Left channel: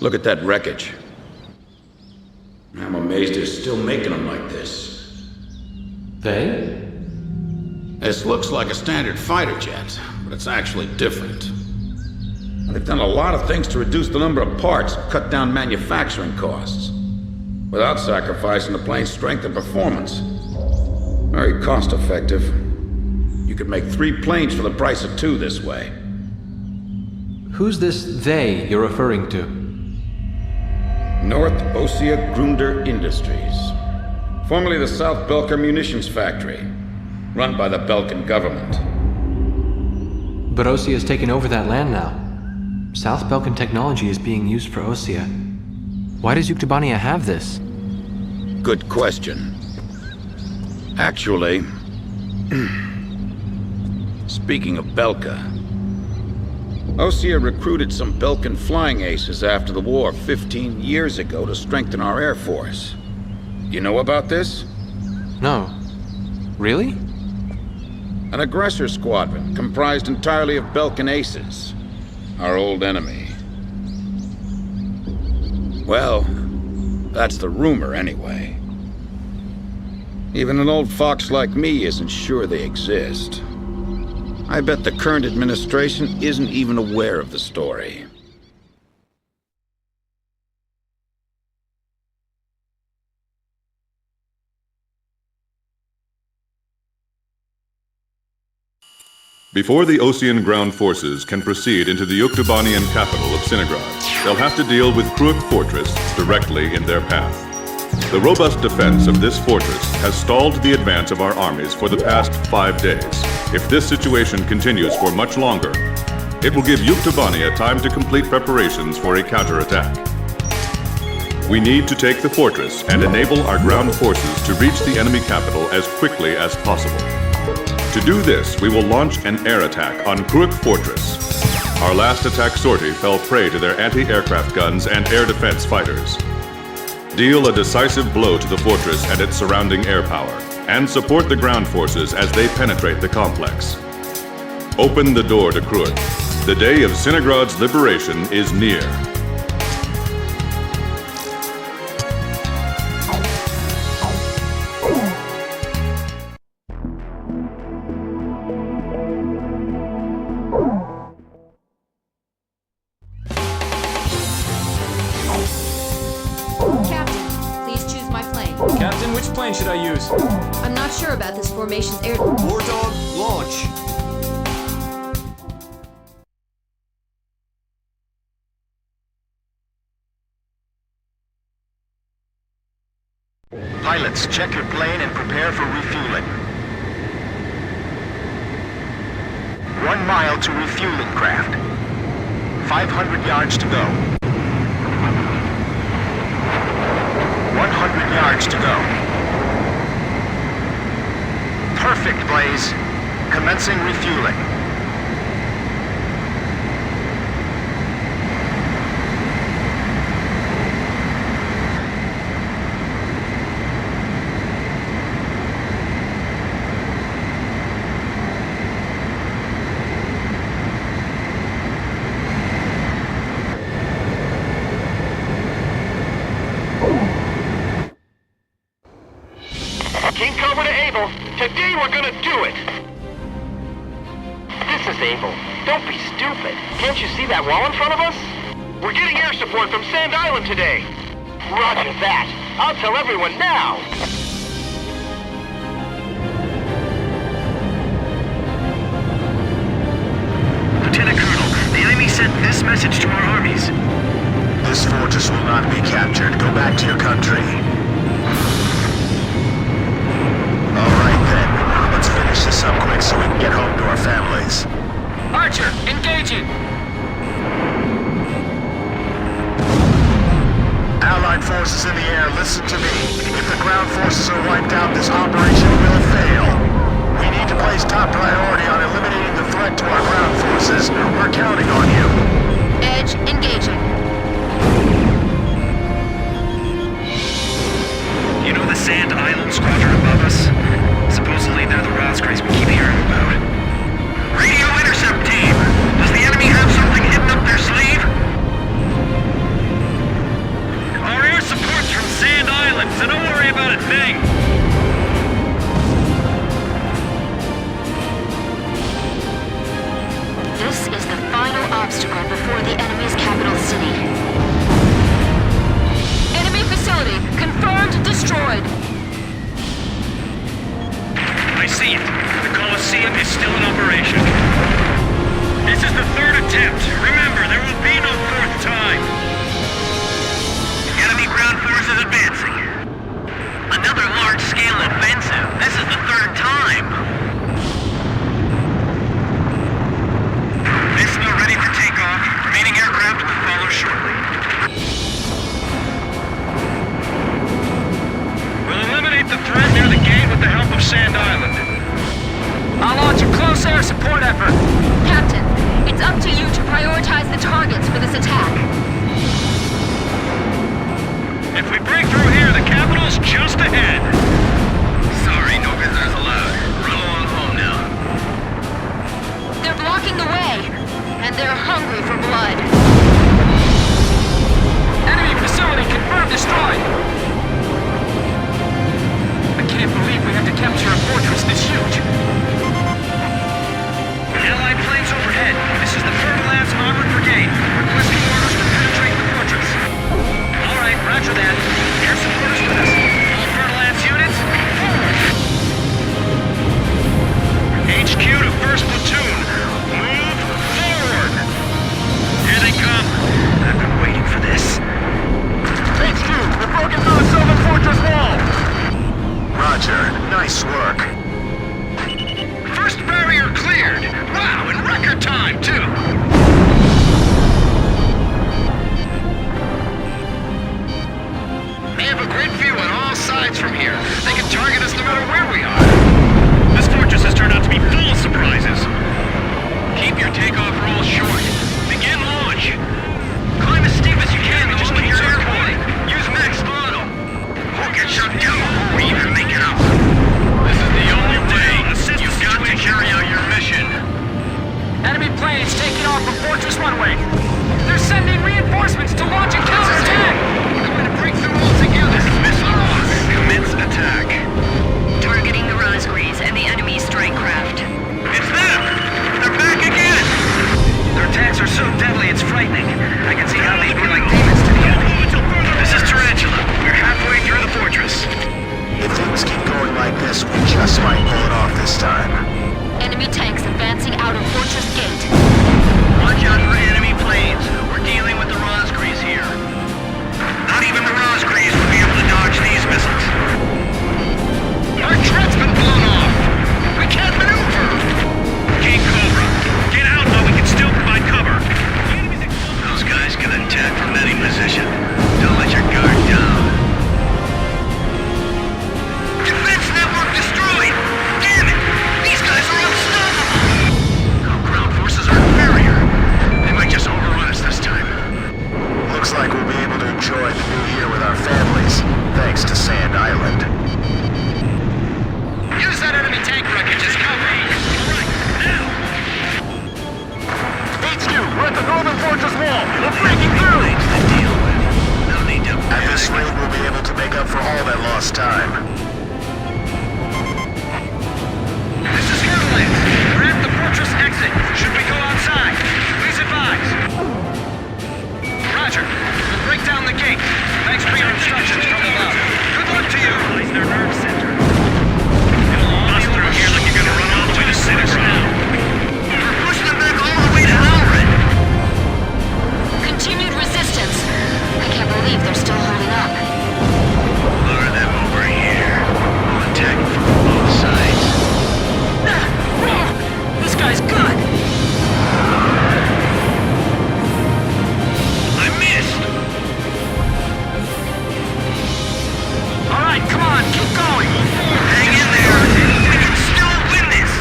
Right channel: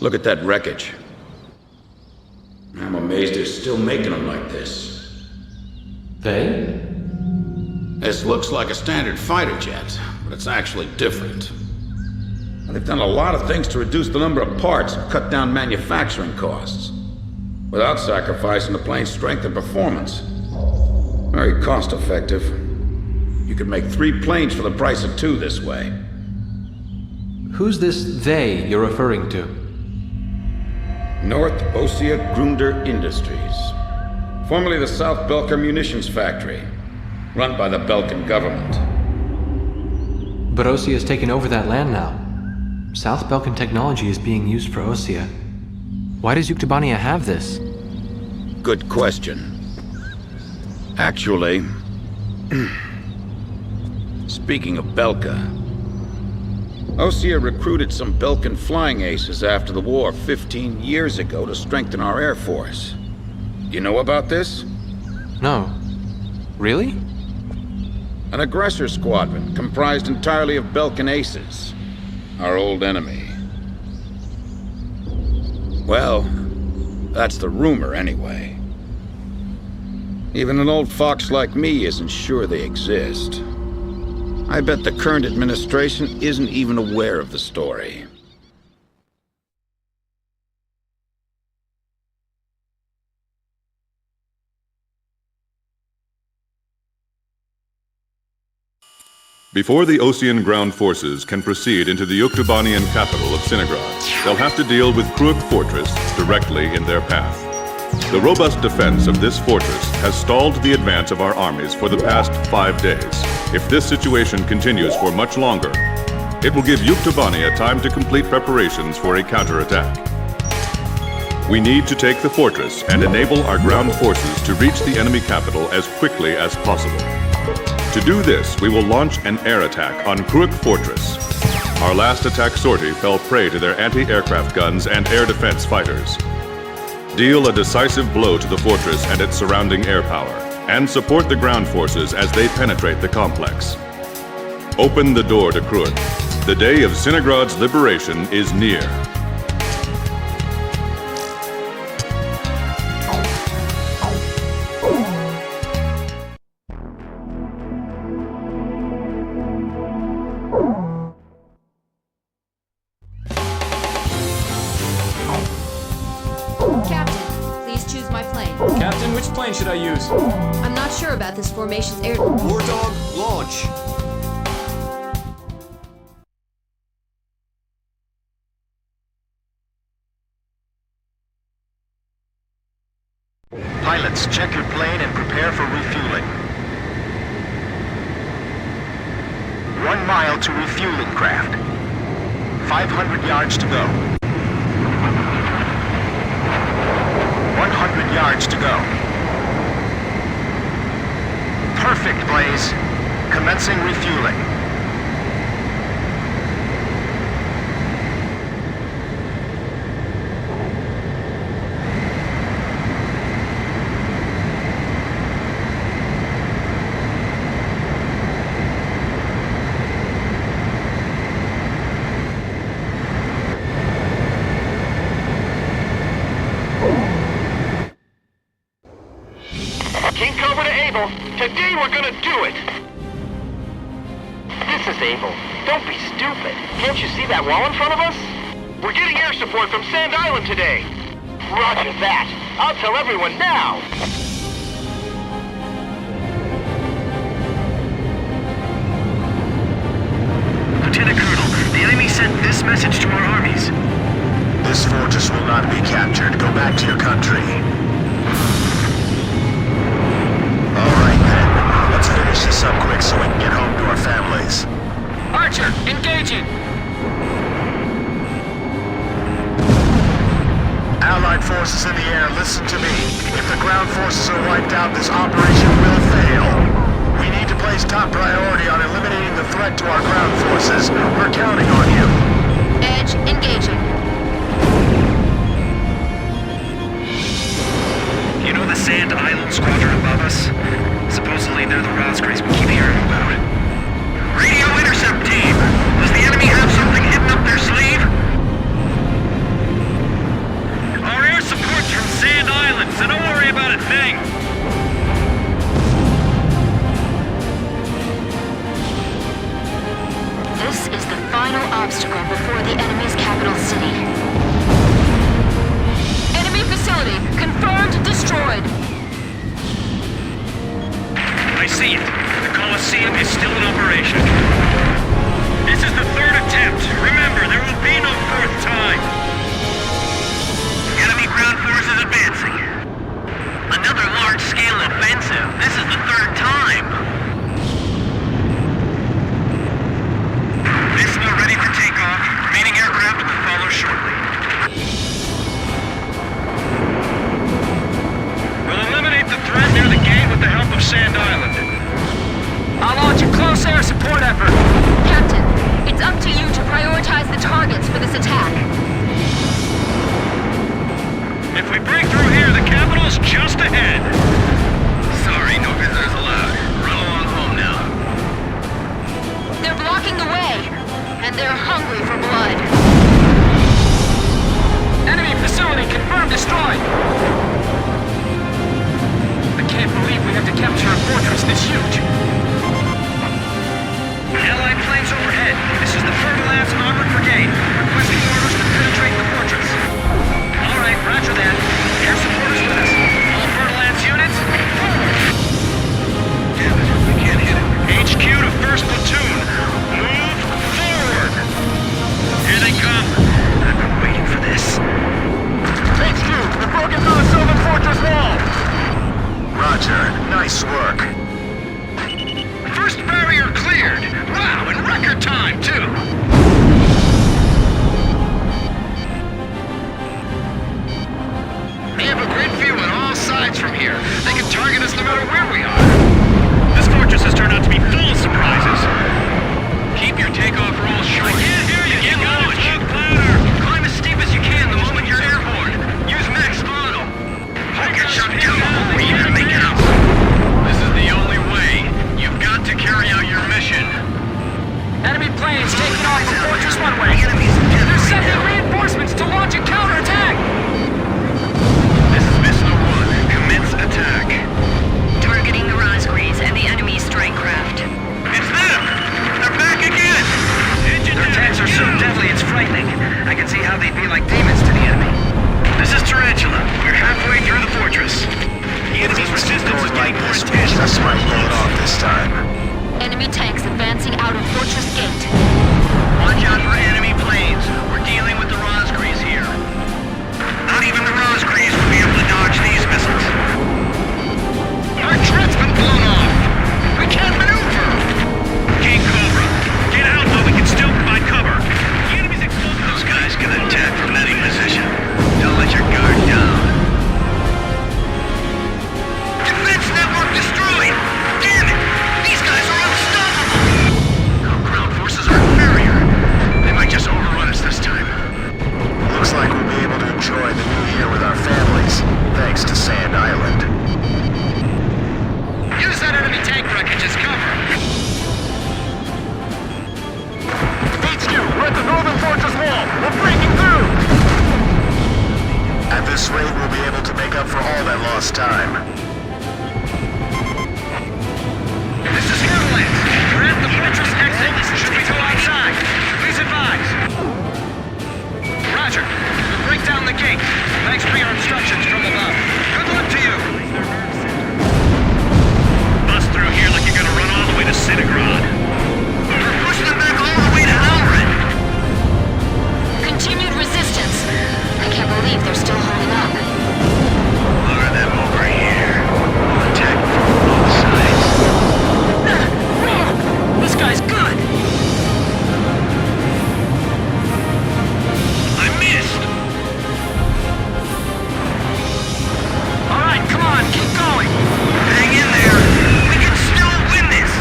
Look at that wreckage. I'm amazed they're still making them like this. They? This looks like a standard fighter jet, but it's actually different. And they've done a lot of things to reduce the number of parts and cut down manufacturing costs, without sacrificing the plane's strength and performance. Very cost-effective. You could make 3 planes for the price of 2 this way. Who's this they you're referring to? North Ossia Grunder Industries, formerly the South Belka Munitions Factory, run by the Belkan government. But Ossia has taken over that land now. South Belkan technology is being used for Ossia. Why does Yuktobania have this? Good question. Actually, speaking of Belka, Ossia recruited some Belkan flying aces after the war 15 years ago to strengthen our Air Force. You know about this? No. Really? An aggressor squadron comprised entirely of Belkan aces, our old enemy. Well, that's the rumor anyway. Even an old fox like me isn't sure they exist. I bet the current administration isn't even aware of the story. Before the Ossian ground forces can proceed into the Yuktobanian capital of Sinagrad, they'll have to deal with Kruik Fortress directly in their path. The robust defense of this fortress has stalled the advance of our armies for the past 5 days. If this situation continues for much longer, it will give Yuktobania time to complete preparations for a counterattack. We need to take the fortress and enable our ground forces to reach the enemy capital as quickly as possible. To do this, we will launch an air attack on Kruik Fortress. Our last attack sortie fell prey to their anti-aircraft guns and air defense fighters. Deal a decisive blow to the fortress and its surrounding air power, and support the ground forces as they penetrate the complex. Open the door to Kruik. The day of Sinagrad's liberation is near. Captain, which plane should I use? I'm not sure about this formation's air... War Dog, launch! Pilots, check your plane and prepare for refueling. 1 mile to refueling craft. 500 yards to go. 100 yards to go. Perfect, Blaze. Commencing refueling. King Cobra to Able. Today we're gonna do it! This is Able. Don't be stupid. Can't you see that wall in front of us? We're getting air support from Sand Island today. Roger that. I'll tell everyone now. Lieutenant Colonel, the enemy sent this message to our armies. This fortress will not be captured. Go back to your country. All right, then. Let's finish this up quick so we can get home to our families. Archer, engaging! Allied forces in the air, listen to me. If the ground forces are wiped out, this operation will fail. We need to place top priority on eliminating the threat to our ground forces. We're counting on you. Edge, engaging. You know the Sand Island squadron above us? Supposedly they're the Rosgrays we keep hearing about. Radio intercept team! Does the enemy have something hidden up their sleeve? obstacle before the enemy's capital city. Enemy facility confirmed destroyed. I see it. The Colosseum is still in operation. This is the third attempt. Remember, there will be no fourth time. Enemy ground forces advancing. Another large-scale offensive. This is the third time. Missile ready for takeoff. Remaining aircraft will follow shortly. We'll eliminate the threat near the gate with the help of Sand Island. I'll launch a close air support effort. Captain, it's up to you to prioritize the targets for this attack. If we break through here, the capital's just ahead. Sorry, no visitors allowed. Run along home now. They're blocking the way, and they're hungry for blood. Enemy facility confirmed destroyed. I can't believe we had to capture a fortress this huge. Allied planes overhead. This is the Fertilance Armored Brigade, requesting orders to penetrate the fortress. All right, roger that. Air support is with us. All Fertilance units, forward! HQ to 1st Platoon. Move forward! Here they come. I've been waiting for this. HQ, we've broken through the Sylvan Fortress wall! Roger. Nice work. First barrier cleared. Wow, in record time, too. They have a great view on all sides from here. They can target us no matter where we are. This fortress has turned out to be full of surprises. Keep your takeoff rolls short. Begin launch. Climb as steep as you can the moment you're airborne. Use max throttle. We'll get shot down before we even make it up. This is the only way. You've got to carry out your mission. Enemy planes taking off from Fortress Runway. They're sending reinforcements to launch a counterattack. This is Missile 1. Commence attack. Targeting the Rosgrees and the enemy's strike craft. It's them! They're back again! Their attacks are so deadly it's frightening. I can see how they'd be like demons to the enemy. This is Tarantula. We're halfway through the fortress. If things keep going like this, we just might pull it off this time. Enemy tanks advancing out of Fortress Gate. Watch out for enemy planes. We're dealing with the Rosgrees here. Not even the Rosgrees would be able to dodge these missiles. Our turret's been blown off. We can't maneuver. King Cobra, get out while we can still provide cover. Those guys can attack from any position. Don't let your guard down. Defense network destroyed! Damn it! These guys are unstoppable! Our ground forces are inferior. They might just overrun us this time. Looks like we'll be able to enjoy the new year with our families, thanks to Sand Island. Use that enemy tank wreckage as cover. HQ, we're at the northern fortress wall! We're breaking through! At this rate, we'll be able to make up for all that lost time. This is Avalanche. We're at the fortress exit. Should we go outside? Please advise. Roger. We'll break down the gate. Thanks for your instructions from above. Good luck to you. Bust through here like you're gonna run all the way to Cinegrad. We're pushing them back all the way to Alred. Continued resistance. I can't believe they're still holding up. Lure them over here. We'll attack from both sides. This guy's good. I missed! All right, come on, keep going. Hang in there! We can still win this!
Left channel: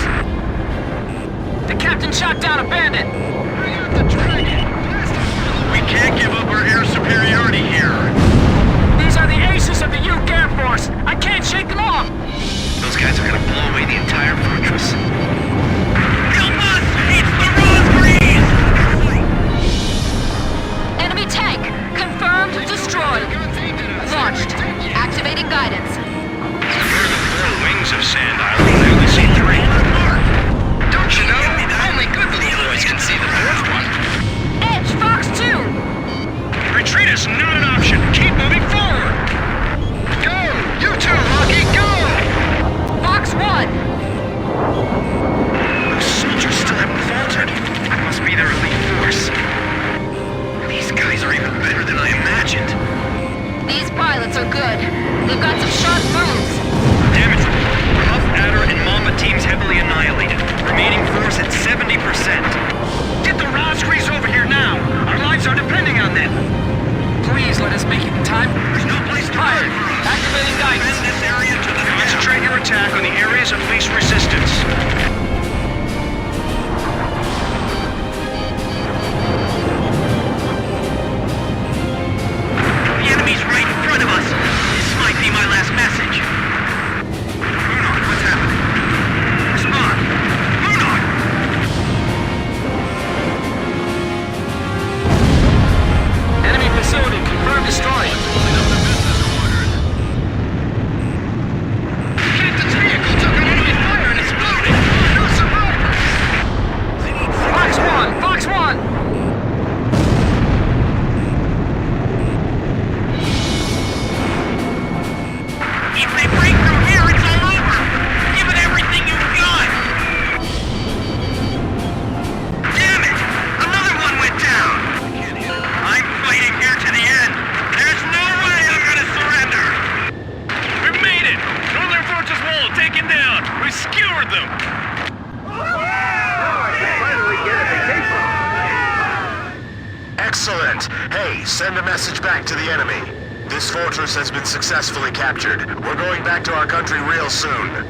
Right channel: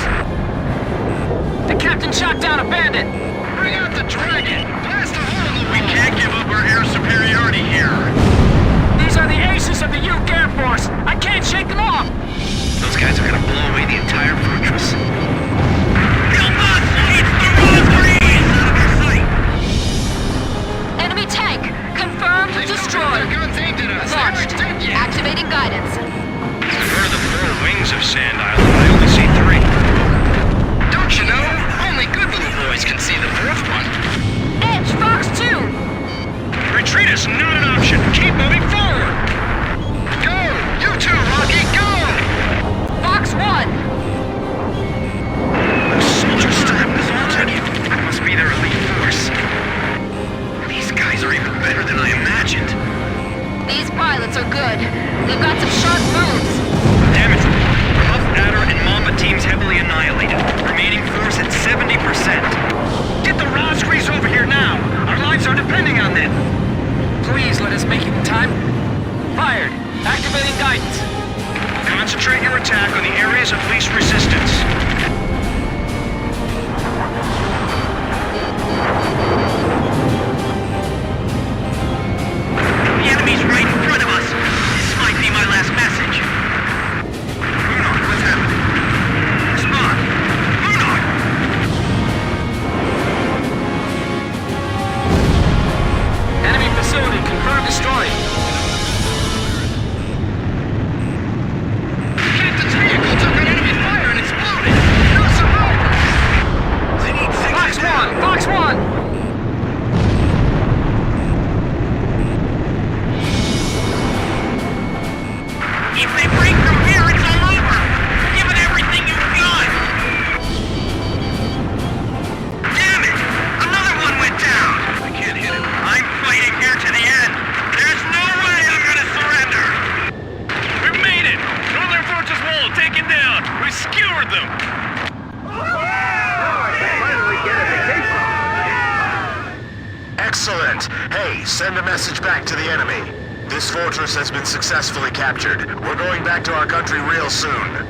The captain shot down a bandit. Bring out the dragon! Blast a hole! We can't give up our air superiority here! These are the aces of the Uke Air Force. I can't shake them off. Those guys are gonna blow away the entire fortress. Help us! It's the Rosgrees! Enemy tank confirmed destroyed. Launched. Activating guidance. I've heard of the 4 wings of Sand Island, but I only see 3. Don't you know? Only good little boys can see the 4th one. are good. They've got some sharp moves. Damage report. Huff, Adder, and Mamba teams heavily annihilated. Remaining force at 70%. Get the Rosgrees over here now! Our lives are depending on them! Please let us make it in time. Fired. Activating guidance. Concentrate your attack on the areas of least resistance. The enemy's right in front of us. This might be my last message. Lunok, what's happening? Respond. Lunok! Enemy facility confirmed destroyed. Captain's vehicle took on enemy fire and exploded. No survivors. Fox 1! Fox 1! If they break through here, it's all over! Give it everything you've got! Damn it! Another one went down! I'm fighting here to the end! There's no way I'm gonna surrender! We made it! Northern Fortress Wall taken down! We skewered them! Finally get a vacation. Excellent. Hey, send a message back to the enemy. This fortress has been successfully captured. We're going back to our country real soon.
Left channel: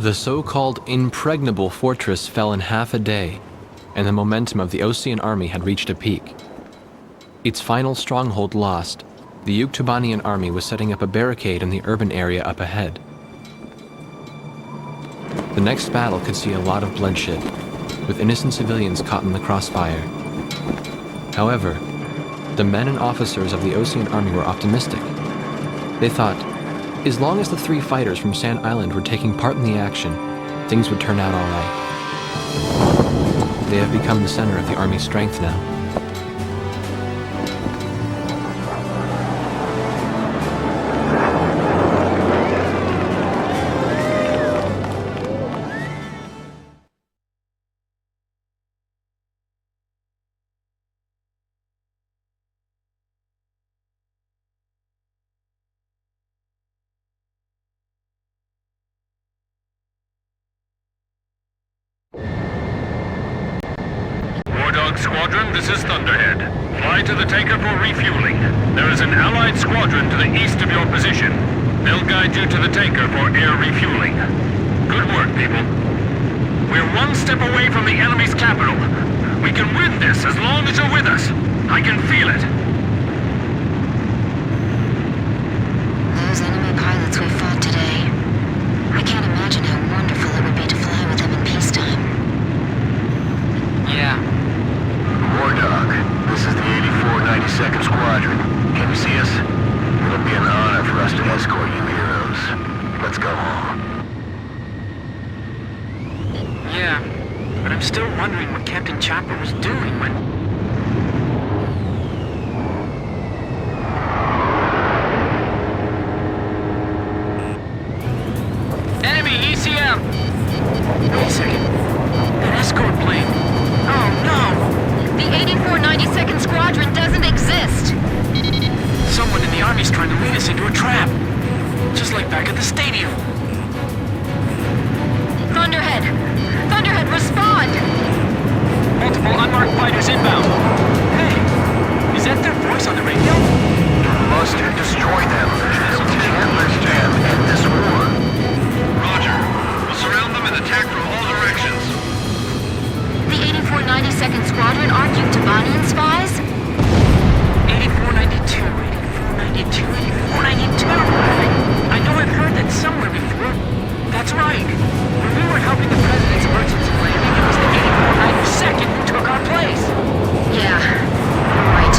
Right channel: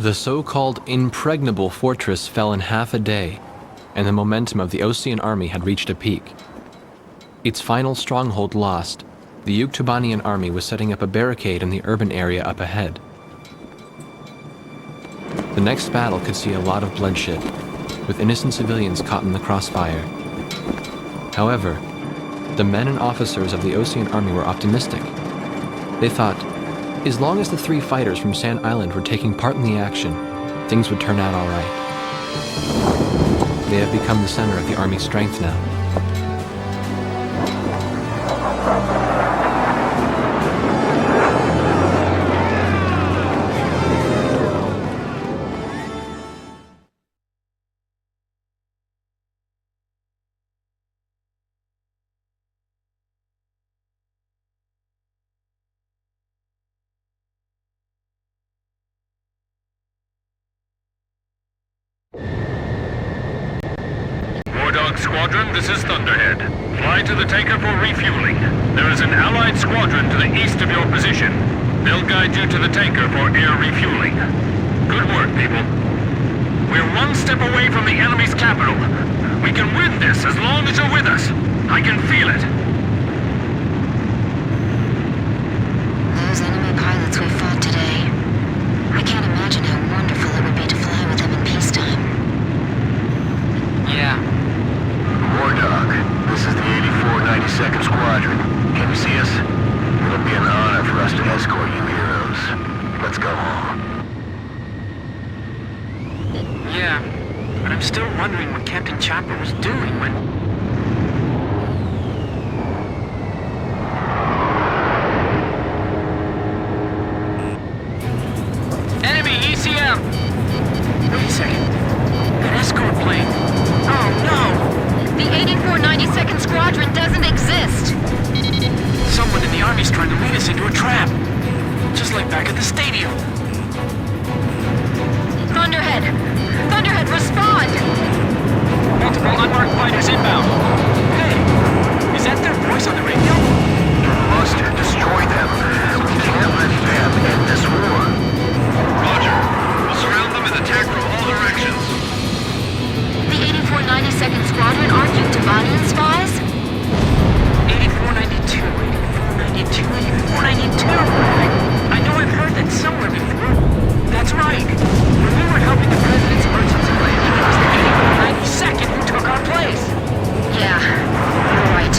The so-called impregnable fortress fell in half a day, and the momentum of the Osean army had reached a peak. Its final stronghold lost, the Yuktubanian army was setting up a barricade in the urban area up ahead. The next battle could see a lot of bloodshed, with innocent civilians caught in the crossfire. However, the men and officers of the Osean army were optimistic. They thought, as long as the 3 fighters from Sand Island were taking part in the action, things would turn out all right. They have become the center of the army's strength now. Wardog Squadron, this is Thunderhead. Fly to the tanker for refueling. There is an Allied squadron to the east of your position. They'll guide you to the tanker for air refueling. Good work, people. We're one step away from the enemy's capital. We can win this as long as you're with us. I can feel it. Those enemy pilots we fought today. I can't imagine how wonderful it would be to fly with them in peacetime. Yeah. Wardog, this is the 8492nd Squadron. Can you see us? It'll be an honor for us to escort you heroes. Let's go home. Yeah. But I'm still wondering what Captain Chopper was doing when... Enemy ECM! Wait a second. That escort plane. Oh no! The 8492nd Squadron doesn't exist! Someone in the Army's trying to lead us into a trap. Just like back at the stadium. Thunderhead! Thunderhead, respond! Multiple unmarked fighters inbound. Hey, is that their voice on the radio? You must destroy them. We can't let them end this war. Roger. We'll surround them and attack from all directions. The 8492nd Squadron aren't Yuktubanian spies? 8492, 8492, 8492! I know I've heard that somewhere before. That's right. When we were helping the President's emergency landing, it was the 8492nd who took our place. Yeah, you're right.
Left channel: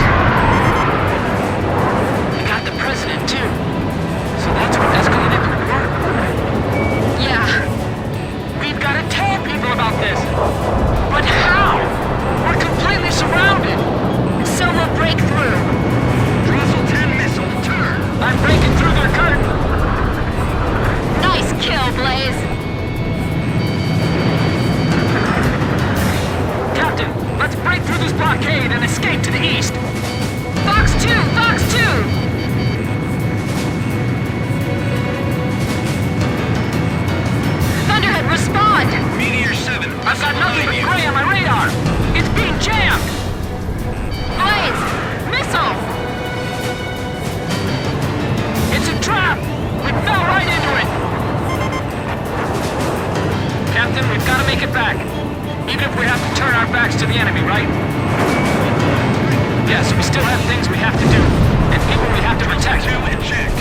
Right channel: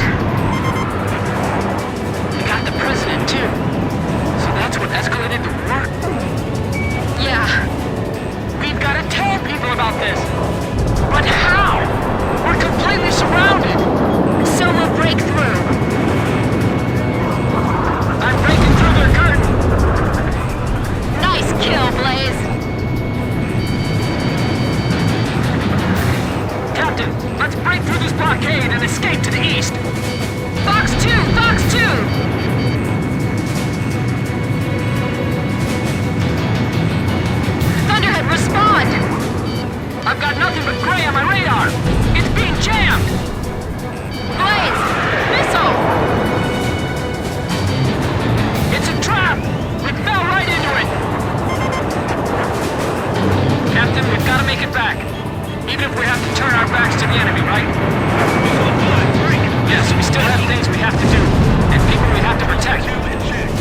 will break through. Russell 10 missile, turn! I'm breaking through their curtain! Nice kill, Blaze. Captain, let's break through this blockade and escape to the east! Fox 2! Fox 2! Thunderhead, respond! Meteor 7. I've got nothing but gray on my radar! It's being jammed! Blaze! Missile! It's a trap! We fell right into it! Captain, we've got to make it back. Even if we have to turn our backs to the enemy, right? Yes, we still have things we have to do, and people we have to protect. 2 inject.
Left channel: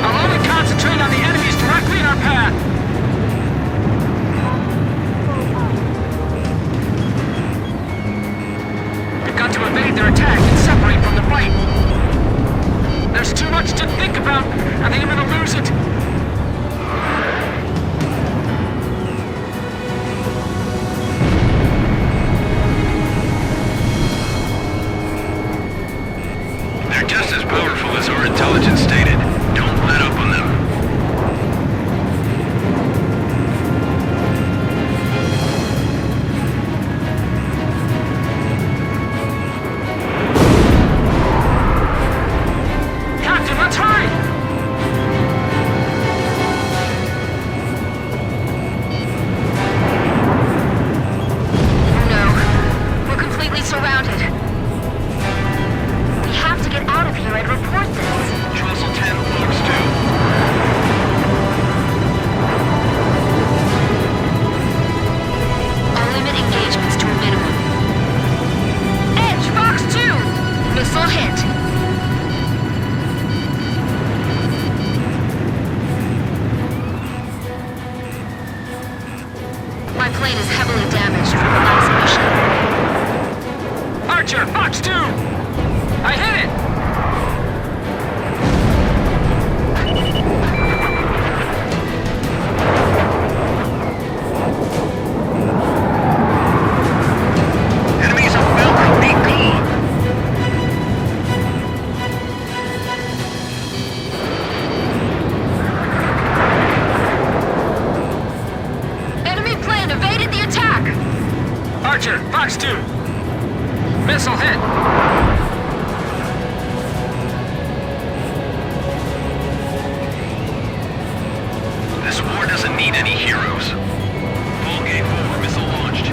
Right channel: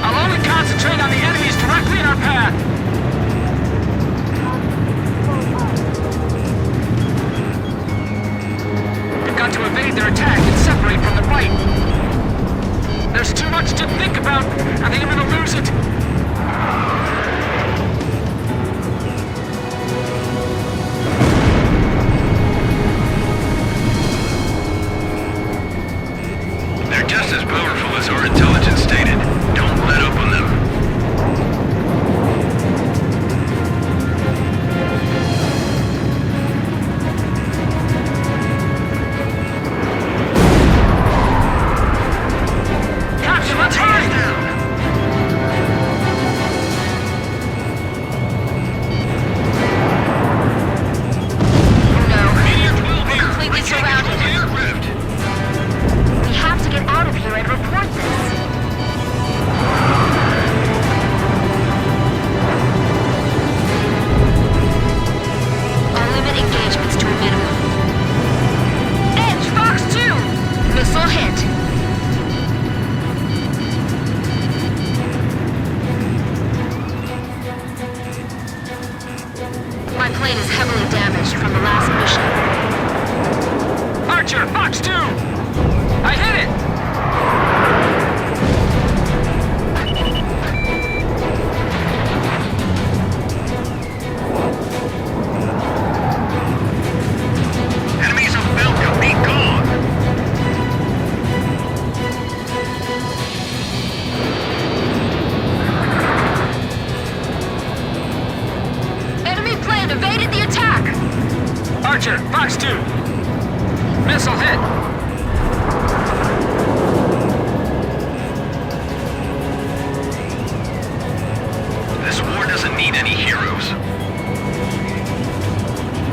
I'll only concentrate on the enemies directly in our path. We've got to evade their attack and separate from the fight. There's too much to think about. I think I'm gonna lose it. They're just as powerful as our intelligence stated. Don't let up on them. Captain, let's hurry! Oh no. We're completely surrounded. We have to get out of here and report this. Russell 10, Fox 2. I'll limit engagements to a minimum. Edge, Fox 2! Missile hit. My plane is heavily damaged from the last mission. Archer, Fox 2! I hit it! Enemies of Falco, be gone! Enemy plane evaded the attack! Archer, Fox 2! Missile hit! This war doesn't need any heroes. Ball game over, missile launched.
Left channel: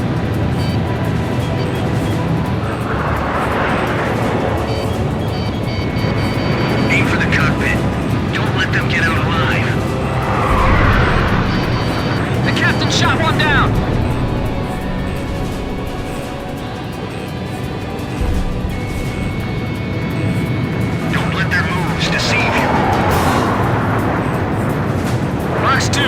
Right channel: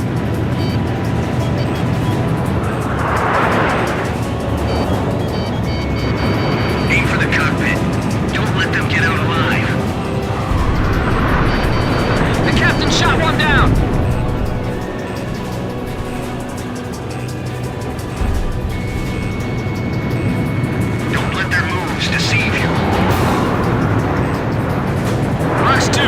Aim for the cockpit. Don't let them get out alive. The captain shot one down! Don't let their moves deceive you. Fox 2!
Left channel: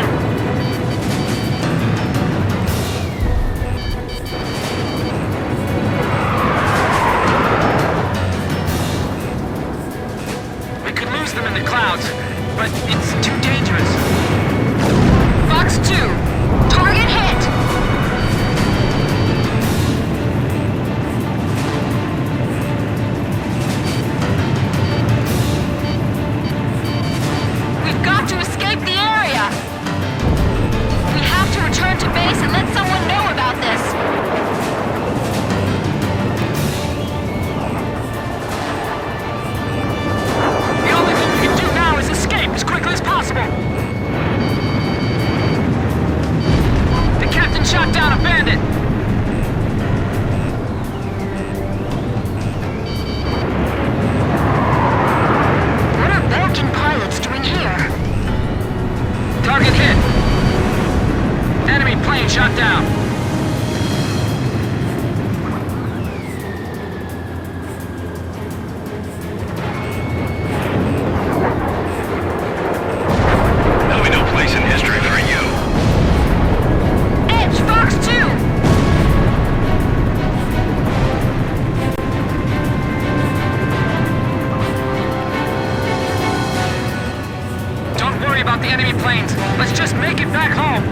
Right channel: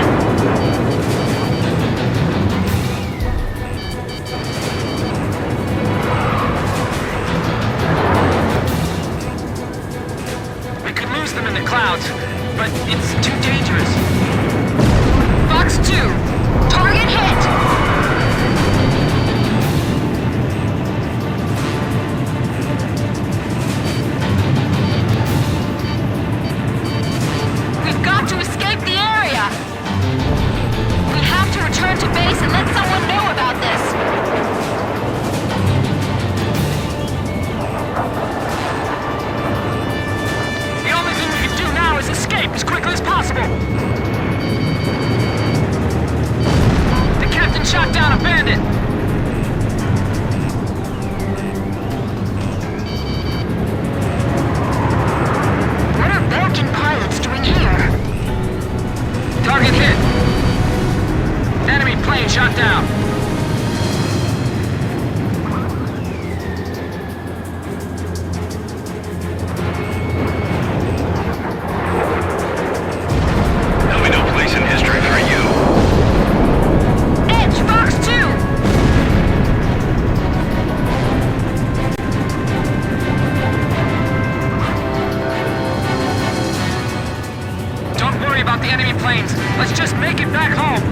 We could lose them in the clouds, but it's too dangerous. Fox 2! Target hit! We've got to escape the area! We have to return to base and let someone know about this! The only thing we can do now is escape as quickly as possible. The captain shot down a bandit. What are Belkin pilots doing here? Target hit. Enemy plane shot down. There'll be no place in history for you. Edge, Fox 2! Don't worry about the enemy planes. Let's just make it back home.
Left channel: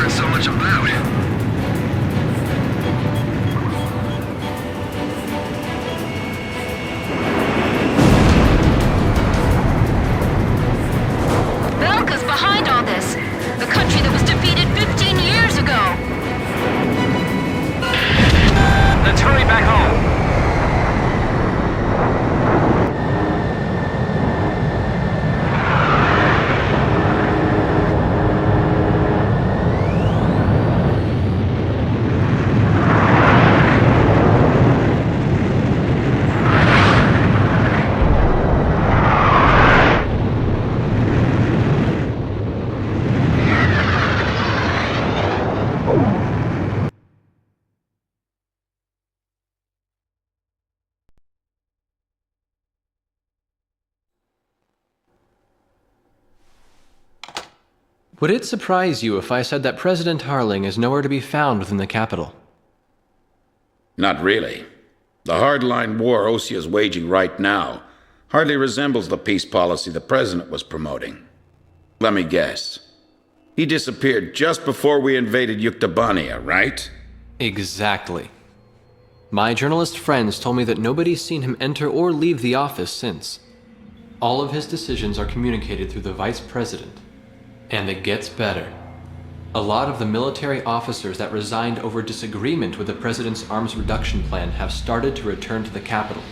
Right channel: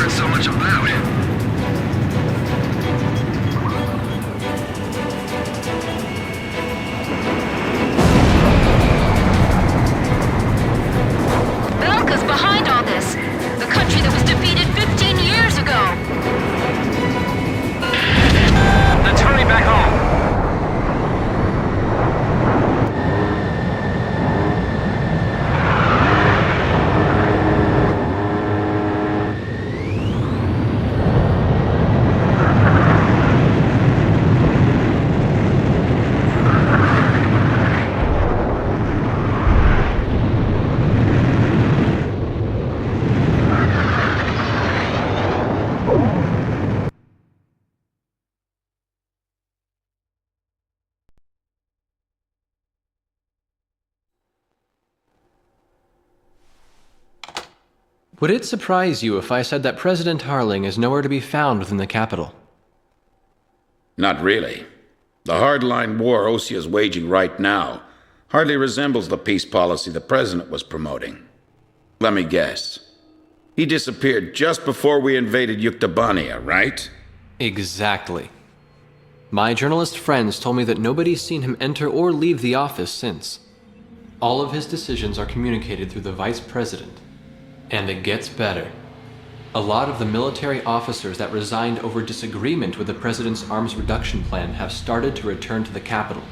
heard so much about. Belka's behind all this. The country that was defeated 15 years ago. Let's hurry back home. Would it surprise you if I said that President Harling is nowhere to be found within the capital? Not really. The hardline war Osea is waging right now hardly resembles the peace policy the president was promoting. Let me guess. He disappeared just before we invaded Yuktobania, right? Exactly. My journalist friends told me that nobody's seen him enter or leave the office since. All of his decisions are communicated through the vice president. And it gets better. A lot of the military officers that resigned over disagreement with the president's arms reduction plan have started to return to the capital.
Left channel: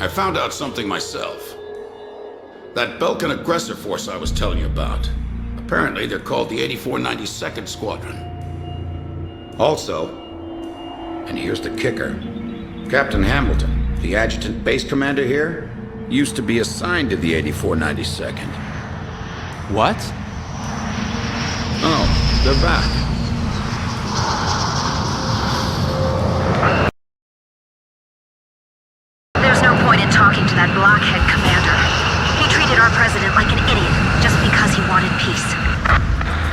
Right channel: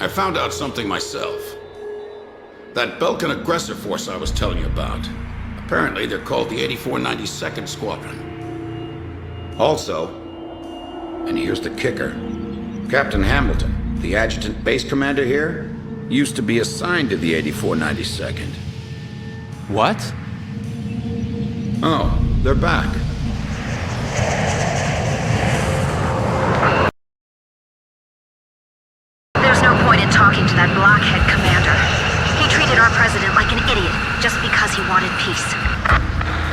I found out something myself. That Belkan aggressor force I was telling you about. Apparently they're called the 8492nd Squadron. Also, and here's the kicker, Captain Hamilton, the adjutant base commander here, used to be assigned to the 8492nd. What? Oh, they're back. There's no point in talking to that blockhead commander. He treated our president like an idiot just because he wanted peace.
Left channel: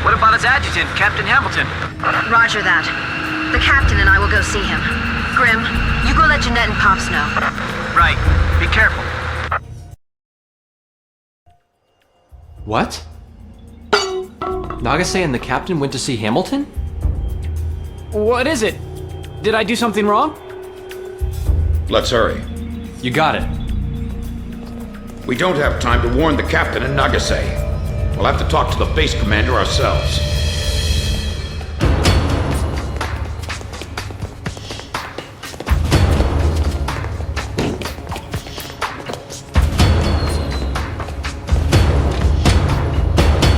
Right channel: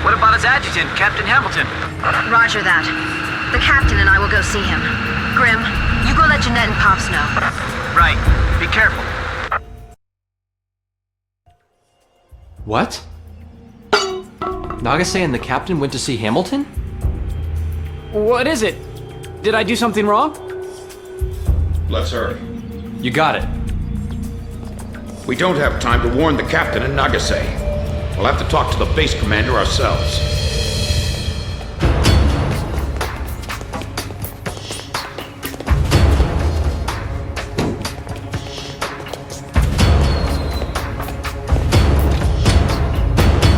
What about his adjutant, Captain Hamilton? Roger that. The captain and I will go see him. Grim, you go let Jeanette and Pops know. Right. Be careful. What? Nagase and the captain went to see Hamilton? What is it? Did I do something wrong? Let's hurry. You got it. We don't have time to warn the captain in Nagase. We'll have to talk to the base commander ourselves.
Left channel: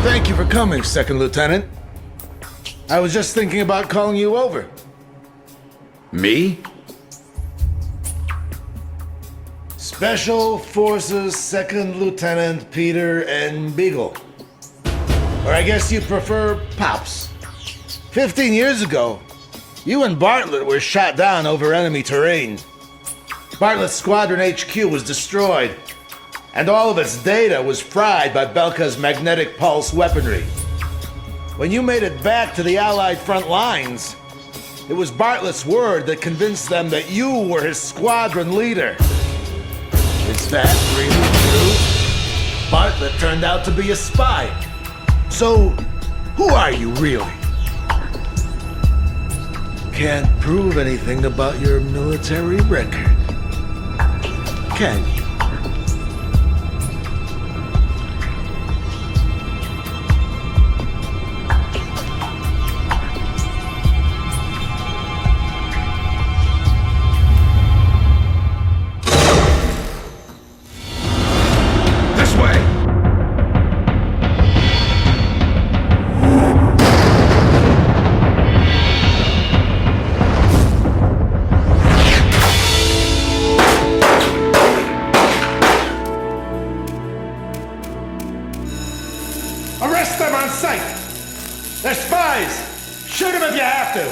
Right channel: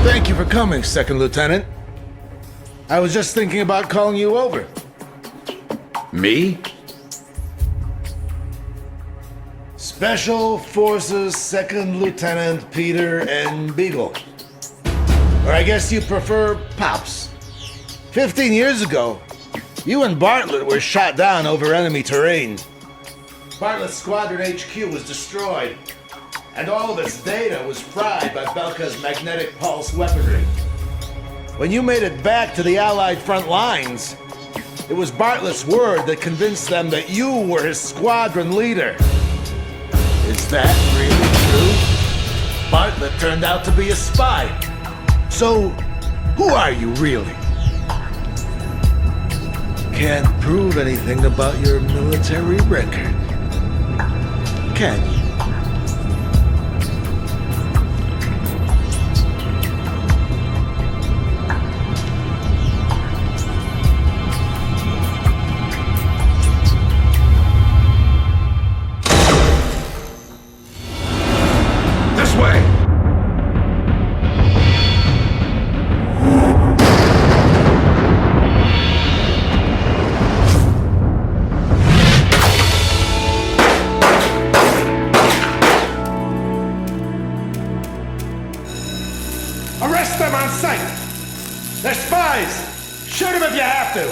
Thank you for coming, Second Lieutenant. I was just thinking about calling you over. Me? Special Forces Second Lieutenant Peter N. Beagle. Or I guess you prefer Pops. 15 years ago, you and Bartlett were shot down over enemy terrain. Bartlett's Squadron HQ was destroyed, and all of its data was fried by Belka's magnetic pulse weaponry. When you made it back to the Allied front lines, it was Bartlett's word that convinced them that you were his squadron leader. Is that really true? Bartlett turned out to be a spy. So, who are you really? Can't prove anything about your military record, can you? Arrest them on sight! They're spies! Shoot them if you have to!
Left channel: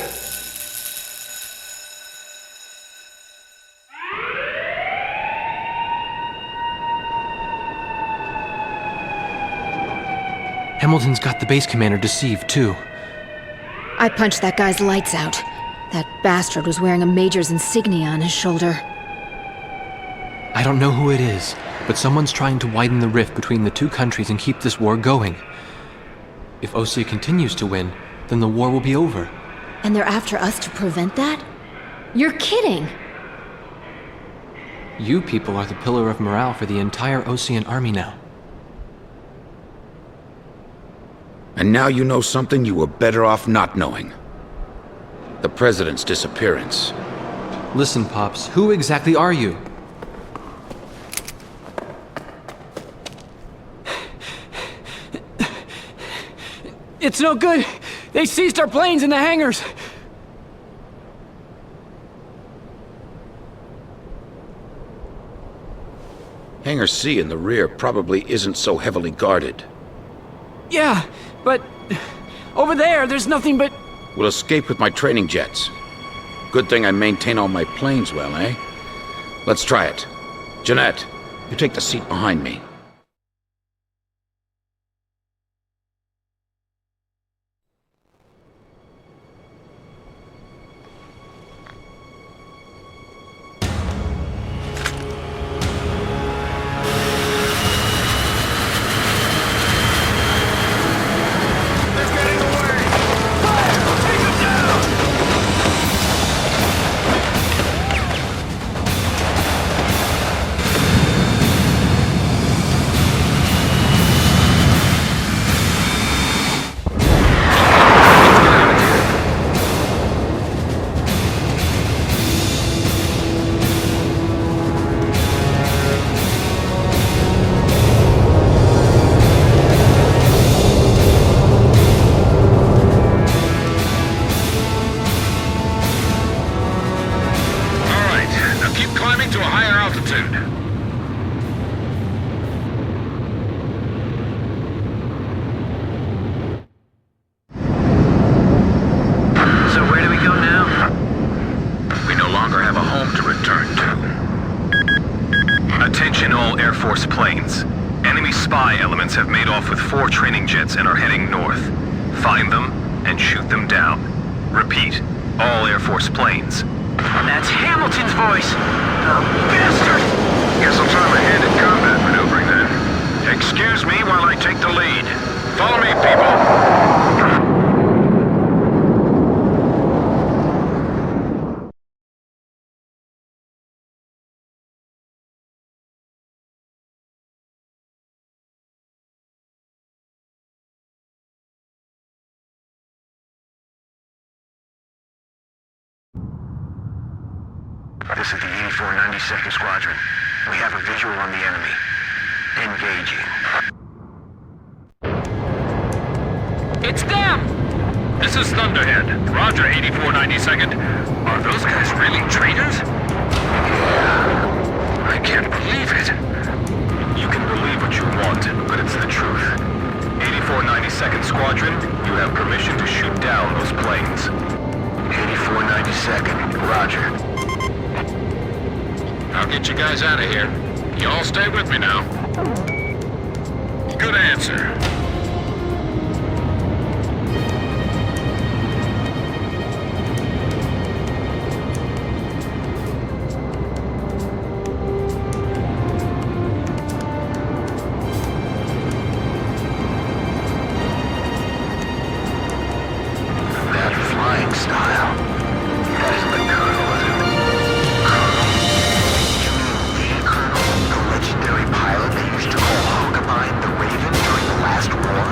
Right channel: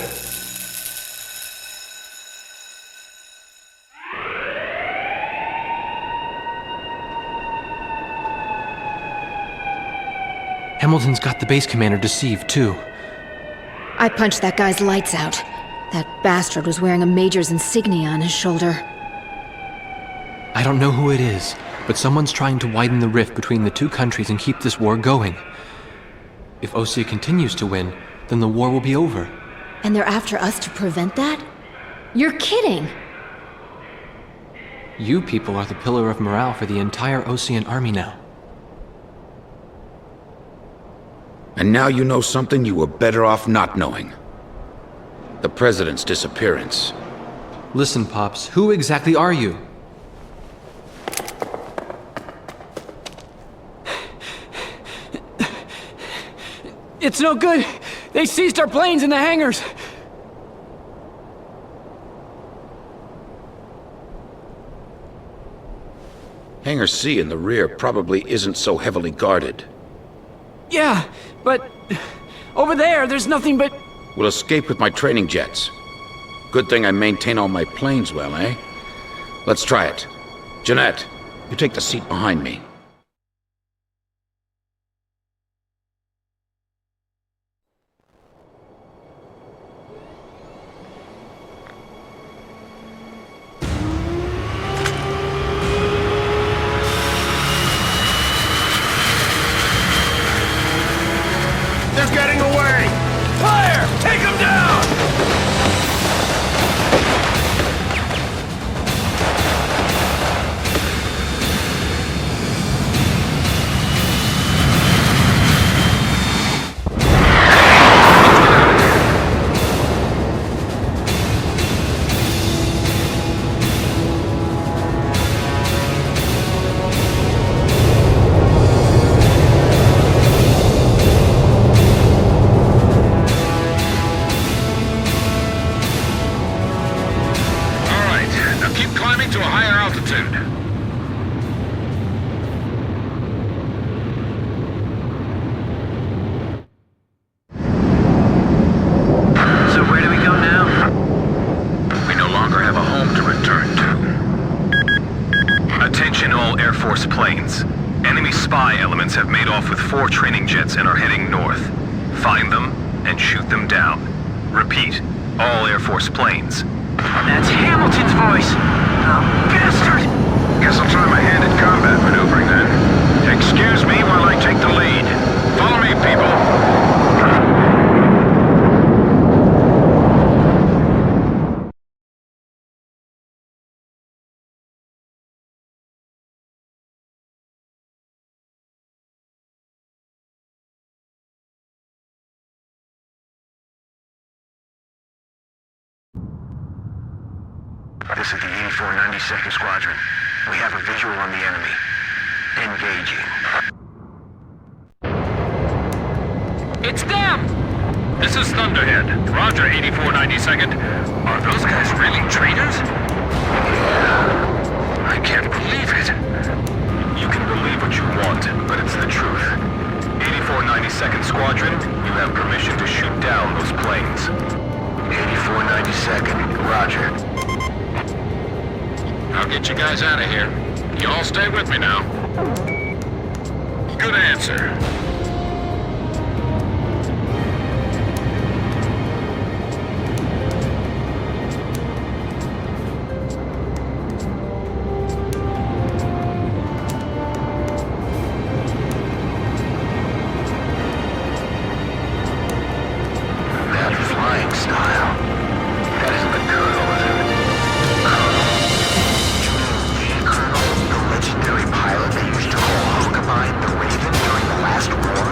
Hamilton's got the base commander deceived, too. I punched that guy's lights out. That bastard was wearing a major's insignia on his shoulder. I don't know who it is, but someone's trying to widen the rift between the two countries and keep this war going. If Osea continues to win, then the war will be over. And they're after us to prevent that? You're kidding! You people are the pillar of morale for the entire Osean army now. And now you know something you were better off not knowing. The President's disappearance. Listen, Pops, who exactly are you? It's no good. They seized our planes in the hangars. Hangar C in the rear probably isn't so heavily guarded. Yeah, but over there's nothing but... We'll escape with my training jets. Good thing I maintain all my planes well, eh? Let's try it. Jeanette, you take the seat behind me. They're getting away! Fire! Take them down! All right, now keep climbing to a higher altitude. So where do we go now? We no longer have a home to return to. Attention all Air Force planes. Enemy spy elements have made off with 4 training jets and are heading north. Find them and shoot them down. Repeat, all Air Force planes. That's Hamilton's voice. The bastard! Guess I'll try my hand at combat maneuvering then. Excuse me while I take the lead. Follow me, people. This is the 8492nd Squadron. We have a visual on the enemy. Engaging. It's them! This is Thunderhead. Roger, 8492nd. Are those guys really traitors? Yeah. I can't believe it. You can believe what you want, but it's the truth. 8492nd Squadron, you have permission to shoot down those planes. 8492nd, Roger. I'll get you guys out of here. You all stay with me now. Good answer. That flying style. That isn't the Colonel, is it? Colonel? You mean the Colonel? The legendary pilot they used to call Hogabine the Raven during the last war?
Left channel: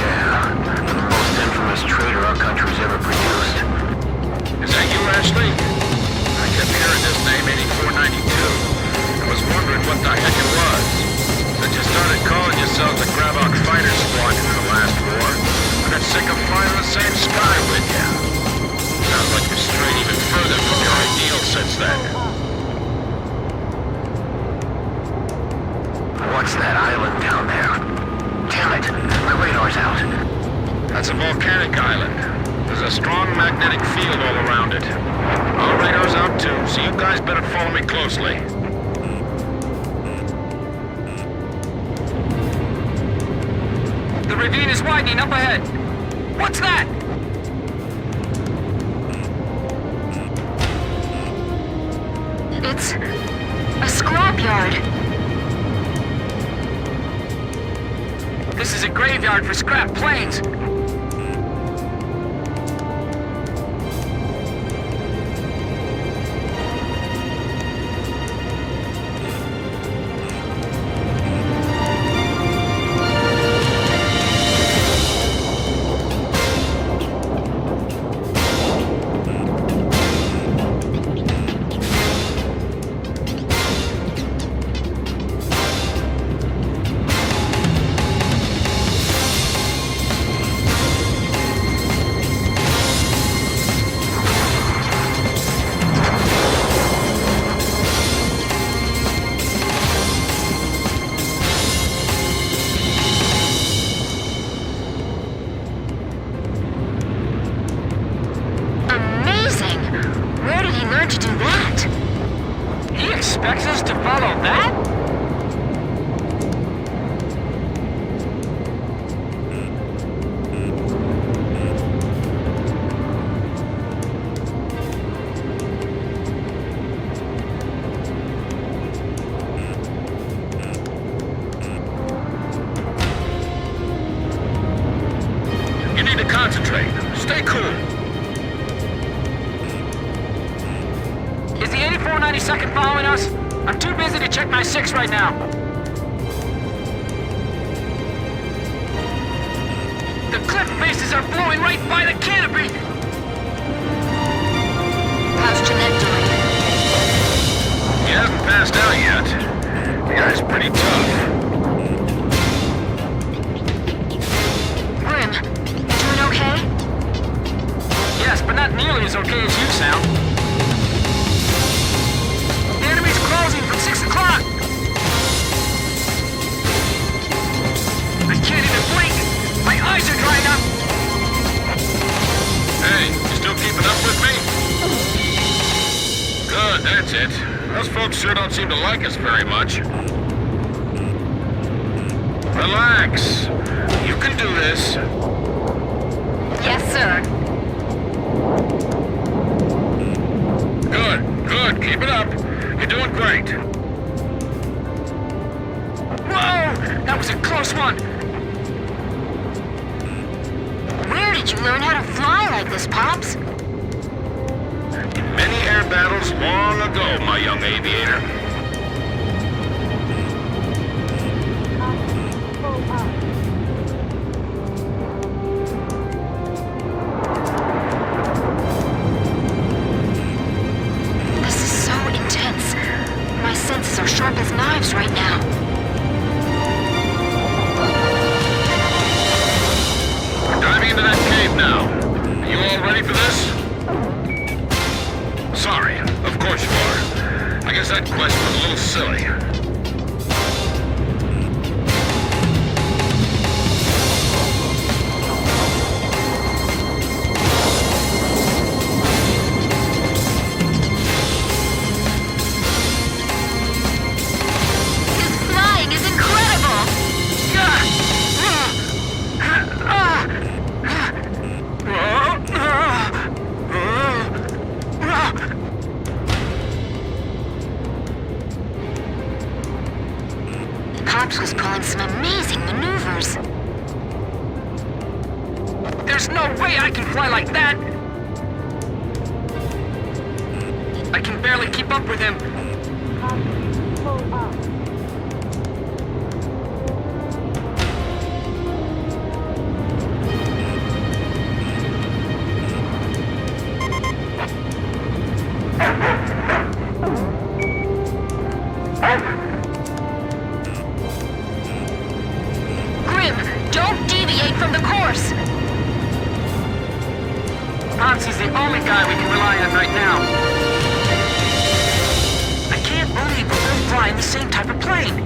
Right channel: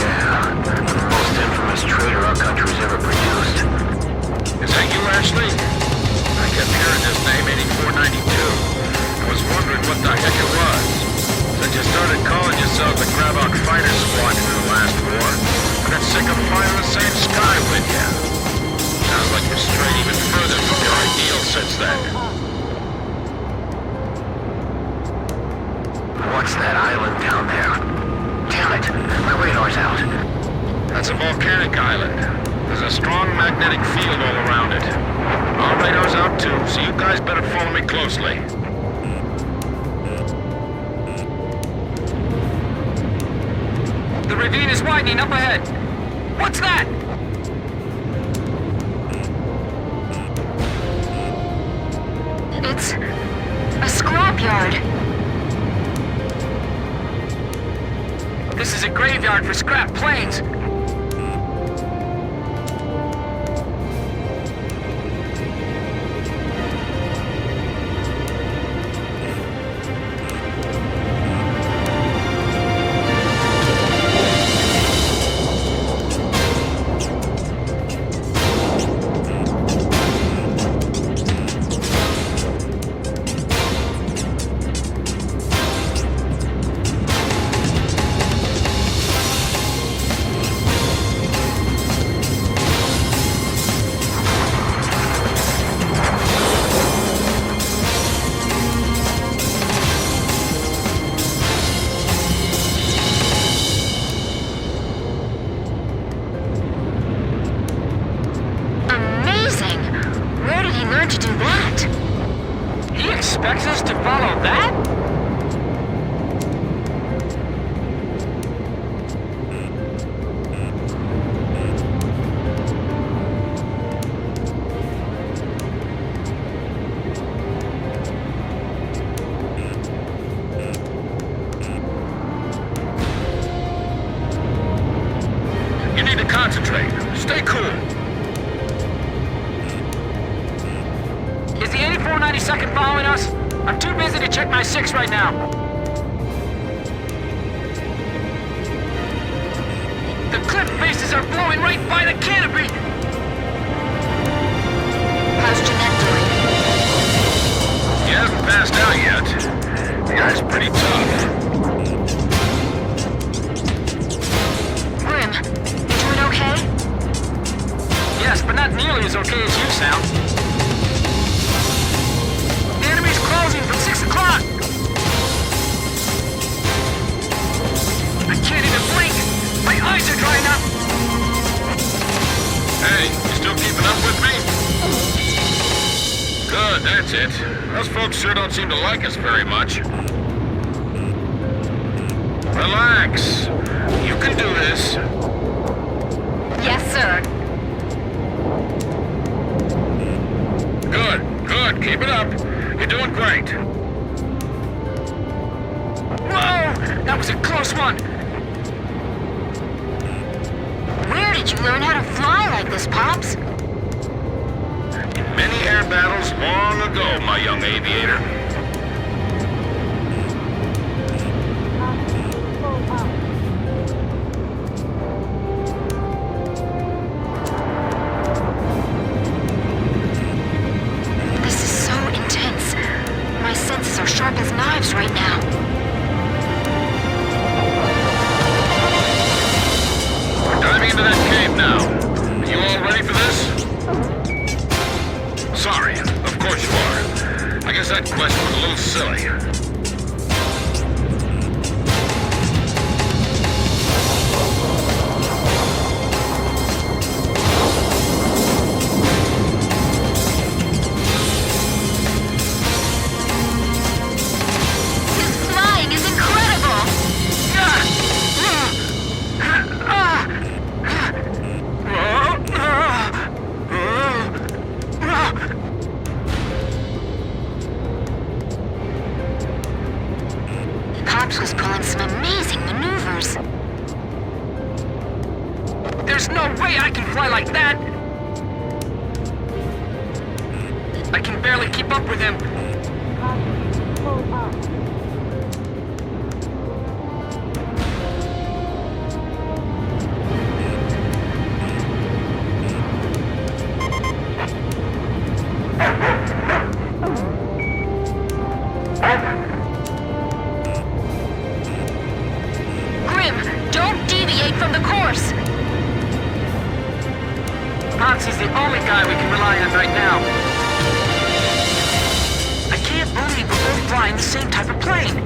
Yeah, the most infamous traitor our country's ever produced. Is that you, Ashley? I kept hearing this name, 8492. I was wondering what the heck it was. Since you started calling yourselves the Gravok Fighter Squadron in the last war, I got sick of flying the same sky with you. Sounds like you're strayed even further from your ideal since then. What's that island down there? Damn it, my radar's out. That's a volcanic island. There's a strong magnetic field all around it. Our radar's out too, so you guys better follow me closely. The ravine is widening up ahead. What's that? It's a scrapyard. This is a graveyard for scrap planes. Expects us to follow that? You need to concentrate. Stay cool. Is the 8492nd following us? I'm too busy to check my 6 right now. The cliff faces are blowing right by the canopy! How's Jeanette doing? He hasn't passed out yet. The guy's pretty tough. Grim, you doing okay? Yes, but not nearly as okay as you sound. The enemy's closing from 6 o'clock! I can't even blink! My eyes are drying up! Hey, you still keeping up with me? Good, that's it. Those folks sure don't seem to like us very much. Relax. You can do this. Yes, sir. Good, good. Keep it up. You're doing great. Whoa! That was a close one! Where did you learn how to fly like this, Pops? In many air battles long ago, my young aviator. This is so intense. My senses are sharp as knives right now. We're diving into that cave now. Are you all ready for this? Sorry, of course you are. I guess that quest was a little silly. His flying is incredible! Pops was pulling some amazing maneuvers. There's no way I can fly like that! I can barely keep up with him. Grim, don't deviate from the course! Potsy's the only guy we can rely on right now. I can't believe we're both flying the same type of plane.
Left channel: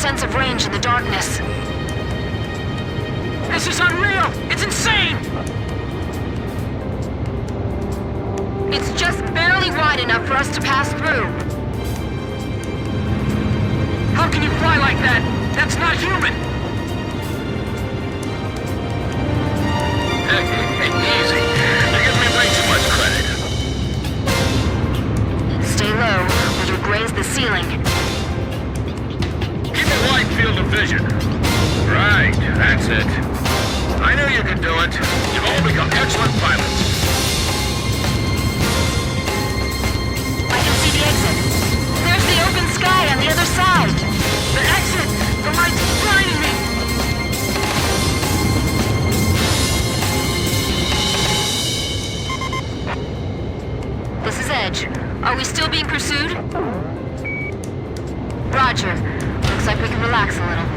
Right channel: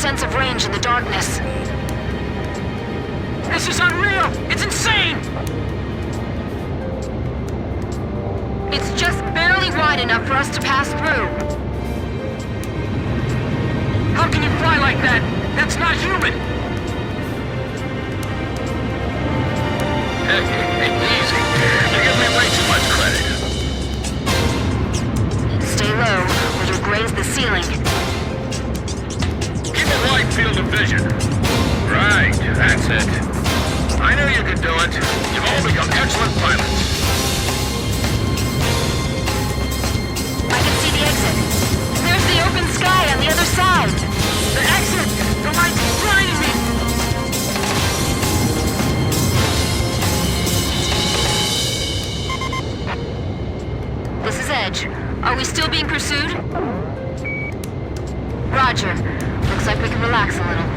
sense of range in the darkness. This is unreal! It's insane! It's just barely wide enough for us to pass through. How can you fly like that? That's not human! Easy. You give me way too much credit. Stay low, or you'll graze the ceiling. Keep a wide field of vision. Right, that's it. I knew you could do it. You've all become excellent pilots. I can see the exit. There's the open sky on the other side. The exit! The light's blinding me! This is Edge. Are we still being pursued? Roger. Looks like we can relax a little.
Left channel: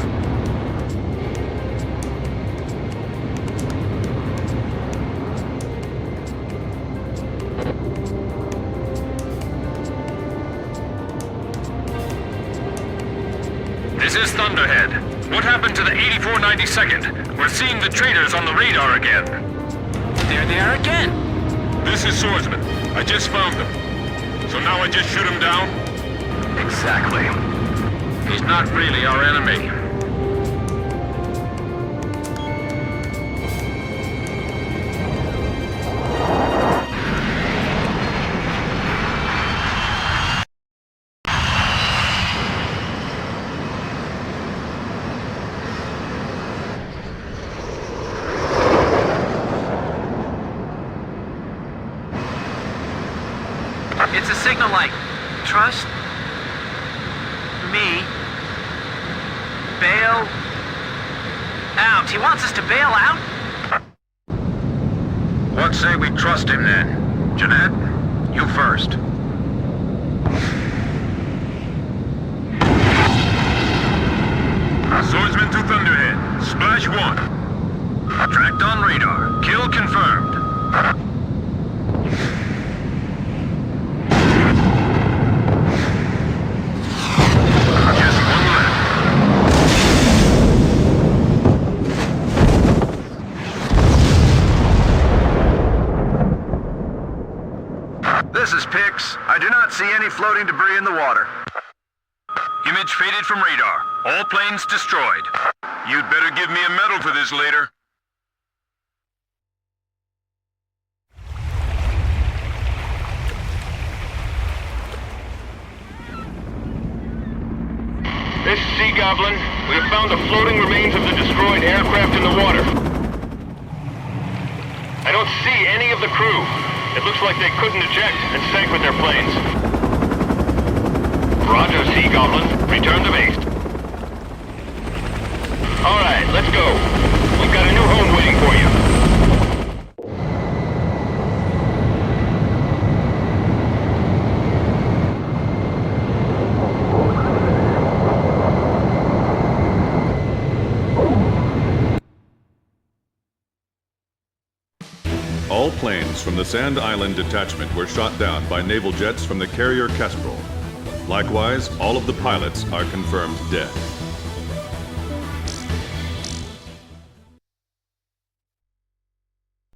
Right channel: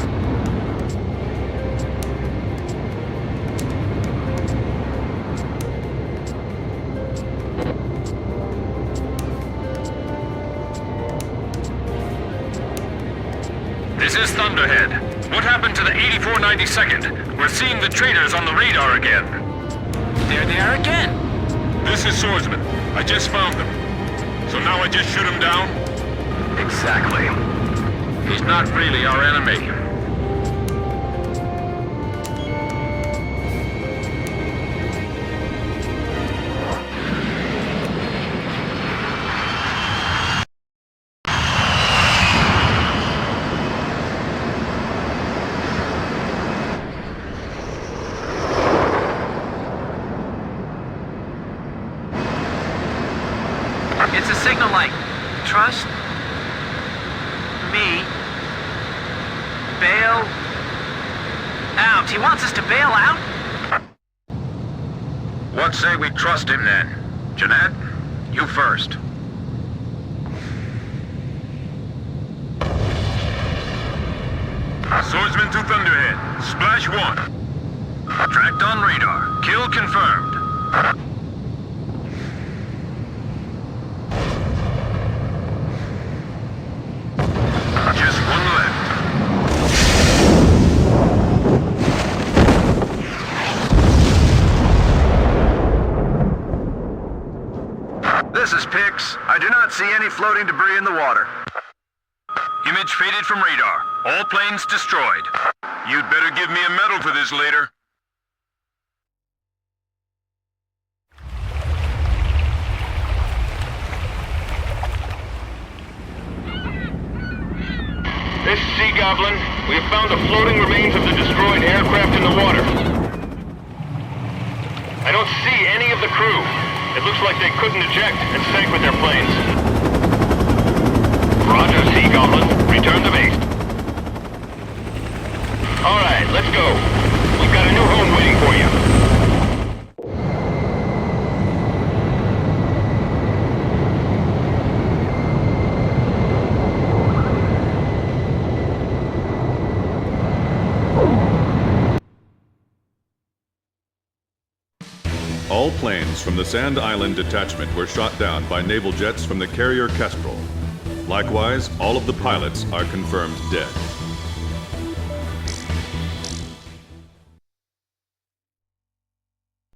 This is Thunderhead. What happened to the 8492nd? We're seeing the traitors on the radar again. There they are again! This is Swordsman. I just found them. So now I just shoot him down? Exactly. He's not really our enemy. It's a signal like, trust me, bail out. He wants us to bail out? What say we trust him then? Jeanette, you first. Swordsman to Thunderhead. Splash 1. Tracked on radar. Kill confirmed. Just one left. This is Pix. I do not see any floating debris in the water. Image faded from radar. All planes destroyed. You'd better give me a medal for this later. This is Sea Goblin. We have found the floating remains of the destroyed aircraft in the water. I don't see any of the crew. It looks like they couldn't eject and sank with their planes. Roger, Sea Goblin. Return to base. All right, let's go. We've got a new home waiting for you. All planes from the Sand Island detachment were shot down by naval jets from the carrier Kestrel. Likewise, all of the pilots are confirmed dead.